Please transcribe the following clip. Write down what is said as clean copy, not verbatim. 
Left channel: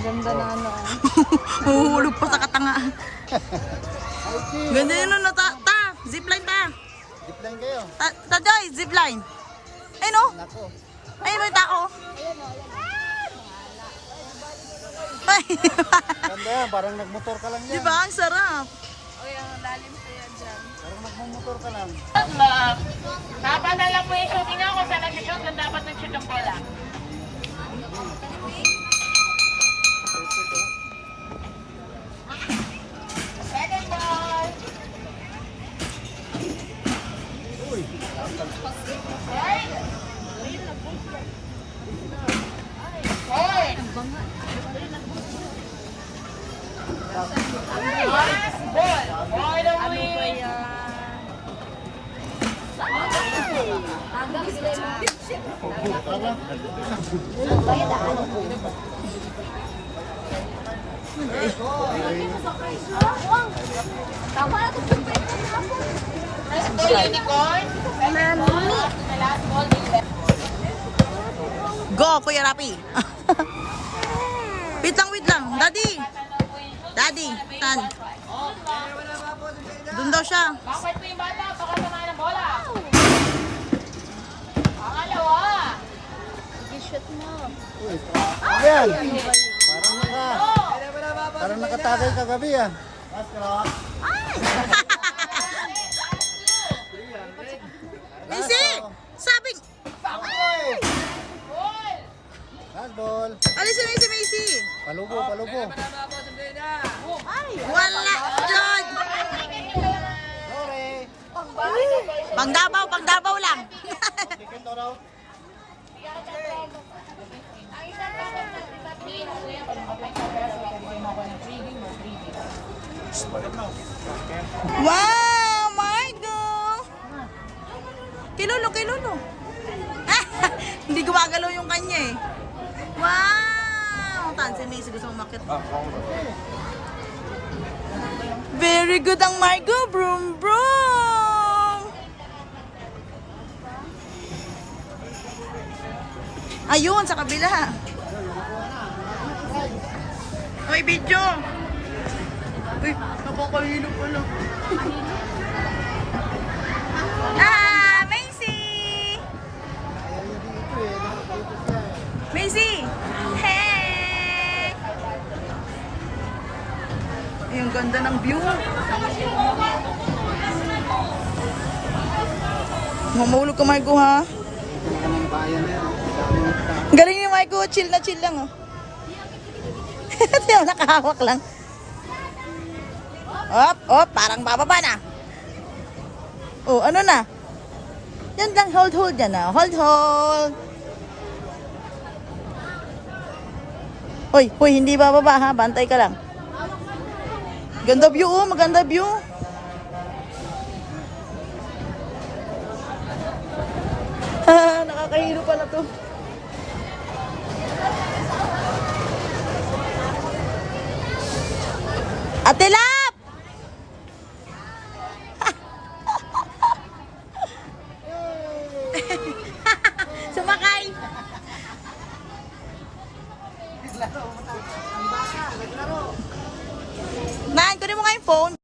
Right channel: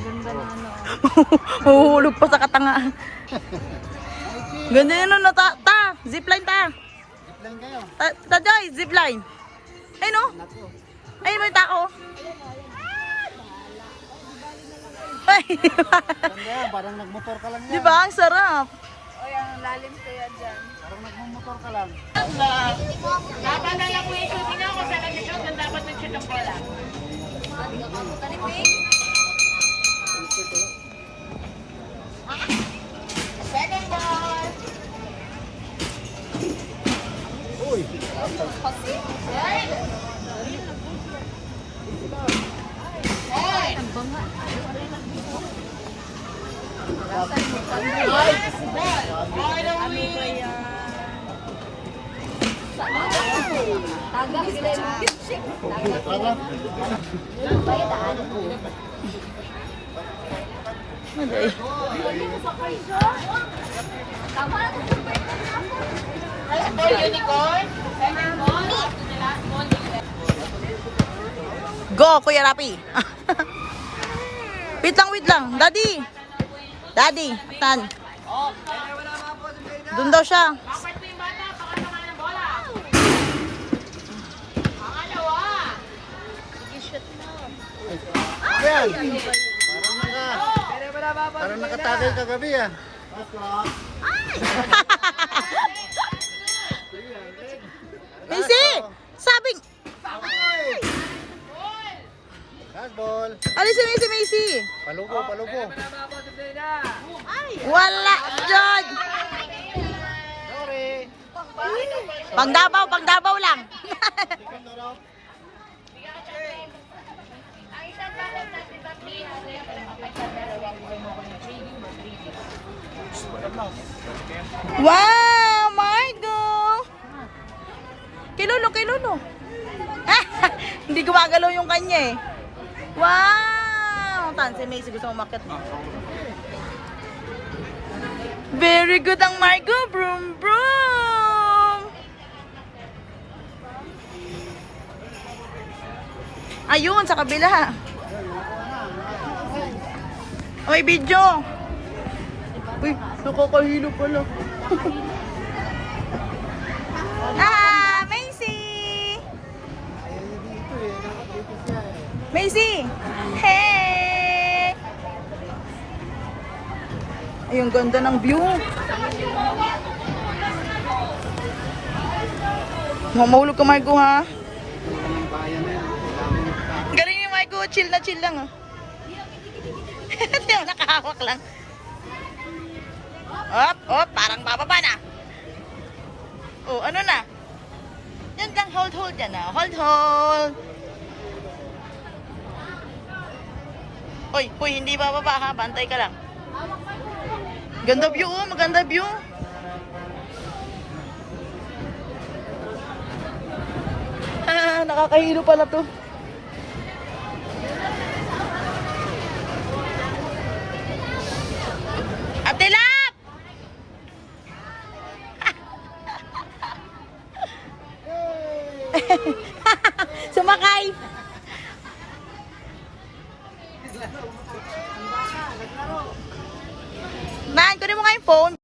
Ganda na ano. Huhulog pa sa katanga. Ganda yun na ta. Zipline ta. Zipline kayo. Joy, zipline. Ay no? Nako. Ay may tao. Ay. Ganda, parang nagmotor ka lang yan. Di ba? Ang sarap. Oy, ang lalim ko yan dyan. Parang nagmumotor ka lang. Dapat na lang po yung shooting ako sa nag-shoot na dapat nag-shoot ang bola. Second ball. Uy. Right. Point. Last ball. All the way. Okay. Go, Kuya Rapi. Wait lang. Daddy. Tan. Doon daw siya. Bakit po yung bata? Pakasama ng bola. Pangalawa. Yan. Parang nakatagay kagabi ah. Missy! Sabi! Last ball. Alisin mo si Missy! Palubo. Wala! Jod! Sorry. Pang Davao lang! Wow! Margo! Kay Lolo. Hindi gumagalaw yung kanya eh. Wow! Tan, si Macy gusto umakyat. Very good ang Margo. Broom. Ayun, sa kabila. May video. Uy, nakakahilo pala. Macy! Hey! Ay, ang ganda ng view. Mamahulog ka, Margo, ha? Galing yung Margo. Chill lang, oh. Tiyo, nakahawak lang. Op, parang bababa na. Oh, ano na? Yan lang, hold yan na. Hold. Hoy, hindi bababa ha. Bantay ka lang. Ganda view, oh. Maganda view. Nakakahilo pala to. Atilap! Sumakay! Man, kunin mo nga yung phone.